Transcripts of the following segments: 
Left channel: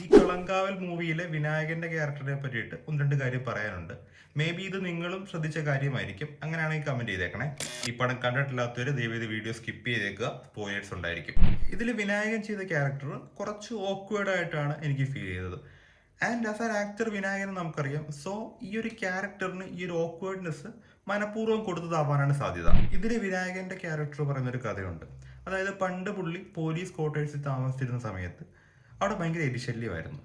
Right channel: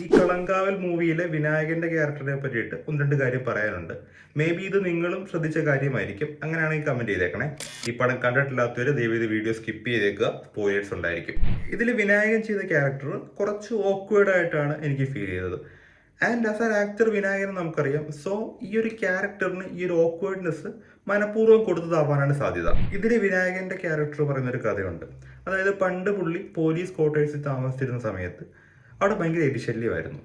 ഈ കളങ്കാവൽ മൂവിയിലെ വിനായകന്റെ ക്യാരക്ടറിനെ പറ്റിയിട്ട് ഒന്ന് രണ്ട് കാര്യം പറയാനുണ്ട്. മേ ബി ഇത് നിങ്ങളും ശ്രദ്ധിച്ച കാര്യമായിരിക്കും. അങ്ങനെയാണെങ്കിൽ കമന്റ് ചെയ്തേക്കണേ. ഈ പടം കണ്ടിട്ടില്ലാത്തവര് ദയവ് ഇത് വീഡിയോ സ്കിപ്പ് ചെയ്തേക്കുക, സ്പോയിലേഴ്സ് ഉണ്ടായിരിക്കും. ഇതിൽ വിനായകൻ ചെയ്ത ക്യാരക്ടർ കുറച്ച് ഓക്വേർഡ് ആയിട്ടാണ് എനിക്ക് ഫീൽ ചെയ്തത്. And as an actor Vinayakan നമുക്കറിയാം. സോ ഈ ഒരു ക്യാരക്ടറിന് ഈ ഒരു ഓക്വേർഡ്നെസ് മനഃപൂർവ്വം കൊടുത്തതാവാനാണ് സാധ്യത. ഇതിൽ വിനായകന്റെ ക്യാരക്ടർ പറയുന്നൊരു കഥയുണ്ട്. അതായത് പണ്ട് പുള്ളി പോലീസ് ക്വാർട്ടേഴ്സിൽ താമസിച്ചിരുന്ന സമയത്ത് അവിടെ ഭയങ്കര എലിശല്യമായിരുന്നു.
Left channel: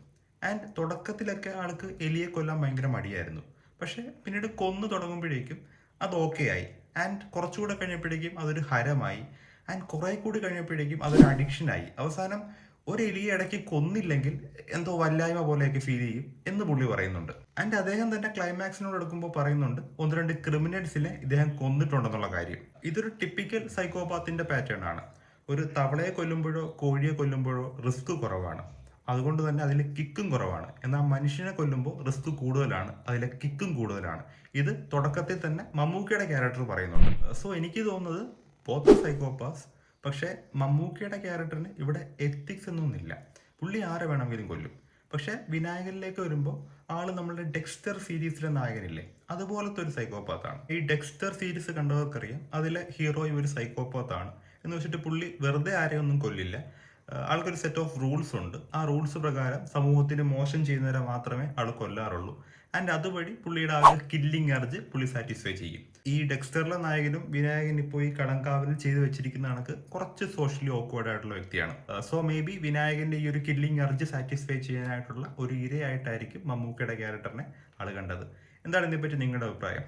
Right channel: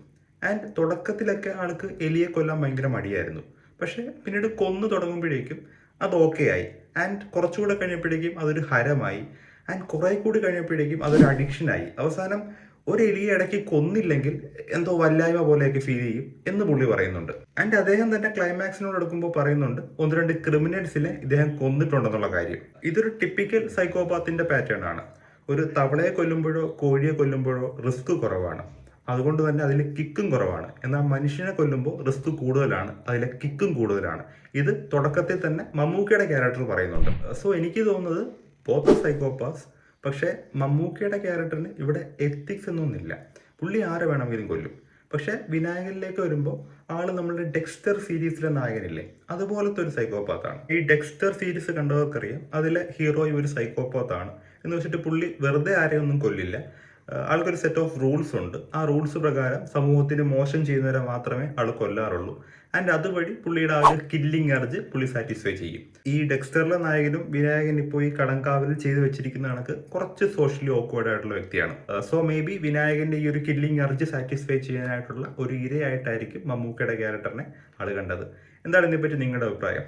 ആൻഡ് തുടക്കത്തിലൊക്കെ ആൾക്ക് എലിയെ കൊല്ലാൻ ഭയങ്കര മടിയായിരുന്നു. പക്ഷേ പിന്നീട് കൊന്നു തുടങ്ങുമ്പോഴേക്കും അത് ഓക്കെ ആയി. ആൻഡ് കുറച്ചുകൂടെ കഴിഞ്ഞപ്പോഴേക്കും അതൊരു ഹരമായി. ആൻഡ് കുറെ കൂടി കഴിഞ്ഞപ്പോഴേക്കും അതൊരു അഡിക്ഷനായി. അവസാനം ഒരു എലിയെ ഇടയ്ക്ക് കൊന്നില്ലെങ്കിൽ എന്തോ വല്ലായ്മ പോലെയൊക്കെ ഫീൽ ചെയ്യും എന്ന് പുള്ളി പറയുന്നുണ്ട്. ആൻഡ് അദ്ദേഹം തന്നെ ക്ലൈമാക്സിനോട് എടുക്കുമ്പോൾ പറയുന്നുണ്ട് ഒന്ന് രണ്ട് ക്രിമിനൽസിനെ ഇദ്ദേഹം കൊന്നിട്ടുണ്ടെന്നുള്ള കാര്യം. ഇതൊരു ടിപ്പിക്കൽ സൈക്കോപാത്തിന്റെ പാറ്റേൺ ആണ്. ഒരു തവളയെ കൊല്ലുമ്പോഴോ കോഴിയെ കൊല്ലുമ്പോഴോ റിസ്ക് കുറവാണ്, അതുകൊണ്ട് തന്നെ അതിൽ കിക്കും കുറവാണ്. എന്നാൽ മനുഷ്യനെ കൊല്ലുമ്പോൾ റിസ്ക് കൂടുതലാണ്, അതിലെ കിക്കും കൂടുതലാണ്. ഇത് തുടക്കത്തിൽ തന്നെ മമ്മൂക്കയുടെ ക്യാരക്ടർ പറയുന്നുണ്ട്. സോ എനിക്ക് തോന്നുന്നത് ബോത്ത് സൈക്കോപാസ്. പക്ഷേ മമ്മൂക്കയുടെ ക്യാരക്ടറിന് ഇവിടെ എത്തിക്സ് എന്നൊന്നുമില്ല. പുള്ളി ആരെ വേണമെങ്കിലും കൊല്ലും. പക്ഷെ വിനായകനിലേക്ക് വരുമ്പോൾ ആള് നമ്മളുടെ ഡെക്സ്റ്റർ സീരീസിലെ നായകനില്ലേ, അതുപോലത്തെ ഒരു സൈക്കോപാത്താണ്. ഈ ഡെക്സ്റ്റർ സീരീസ് കണ്ടവർക്കറിയാം അതിലെ ഹീറോ ഒരു സൈക്കോപാത്താണ് എന്ന് വെച്ചിട്ട് പുള്ളി വെറുതെ ആരെയൊന്നും കൊല്ലില്ല. ആൾക്കൊരു സെറ്റ് ഓഫ് റൂൾസ് ഉണ്ട്. ആ റൂൾസ് പ്രകാരം സമൂഹത്തിന് മോശം ചെയ്യുന്നവരെ മാത്രമേ ആൾ കൊല്ലാറുള്ളൂ. ആൻഡ് അതുവഴി പുള്ളിയുടെ ആ ഒരു കില്ലിംഗ് അർജ് പുള്ളി സാറ്റിസ്ഫൈ ചെയ്യും. ഈ ഡെക്സ്റ്ററിലെ നായകനും വിനായകൻ ഇപ്പോൾ ഈ കടങ്കാവലിൽ ചെയ്തു വെച്ചിരിക്കുന്ന കണക്ക് കുറച്ച് സോഷ്യലി ഓക്വേർഡ് ആയിട്ടുള്ള വ്യക്തിയാണ്. സോ മേ ബി വിനായകന്റെ ഈ ഒരു കില്ലിംഗ് അർജ് സാറ്റിസ്ഫൈ ചെയ്യാനായിട്ടുള്ള ഒരു ഇരയായിട്ടായിരിക്കും മമ്മൂക്കയുടെ ക്യാരക്ടറിനെ ആൾ കണ്ടത്. എന്താണ് ഇതിനെപ്പറ്റി നിങ്ങളുടെ അഭിപ്രായം?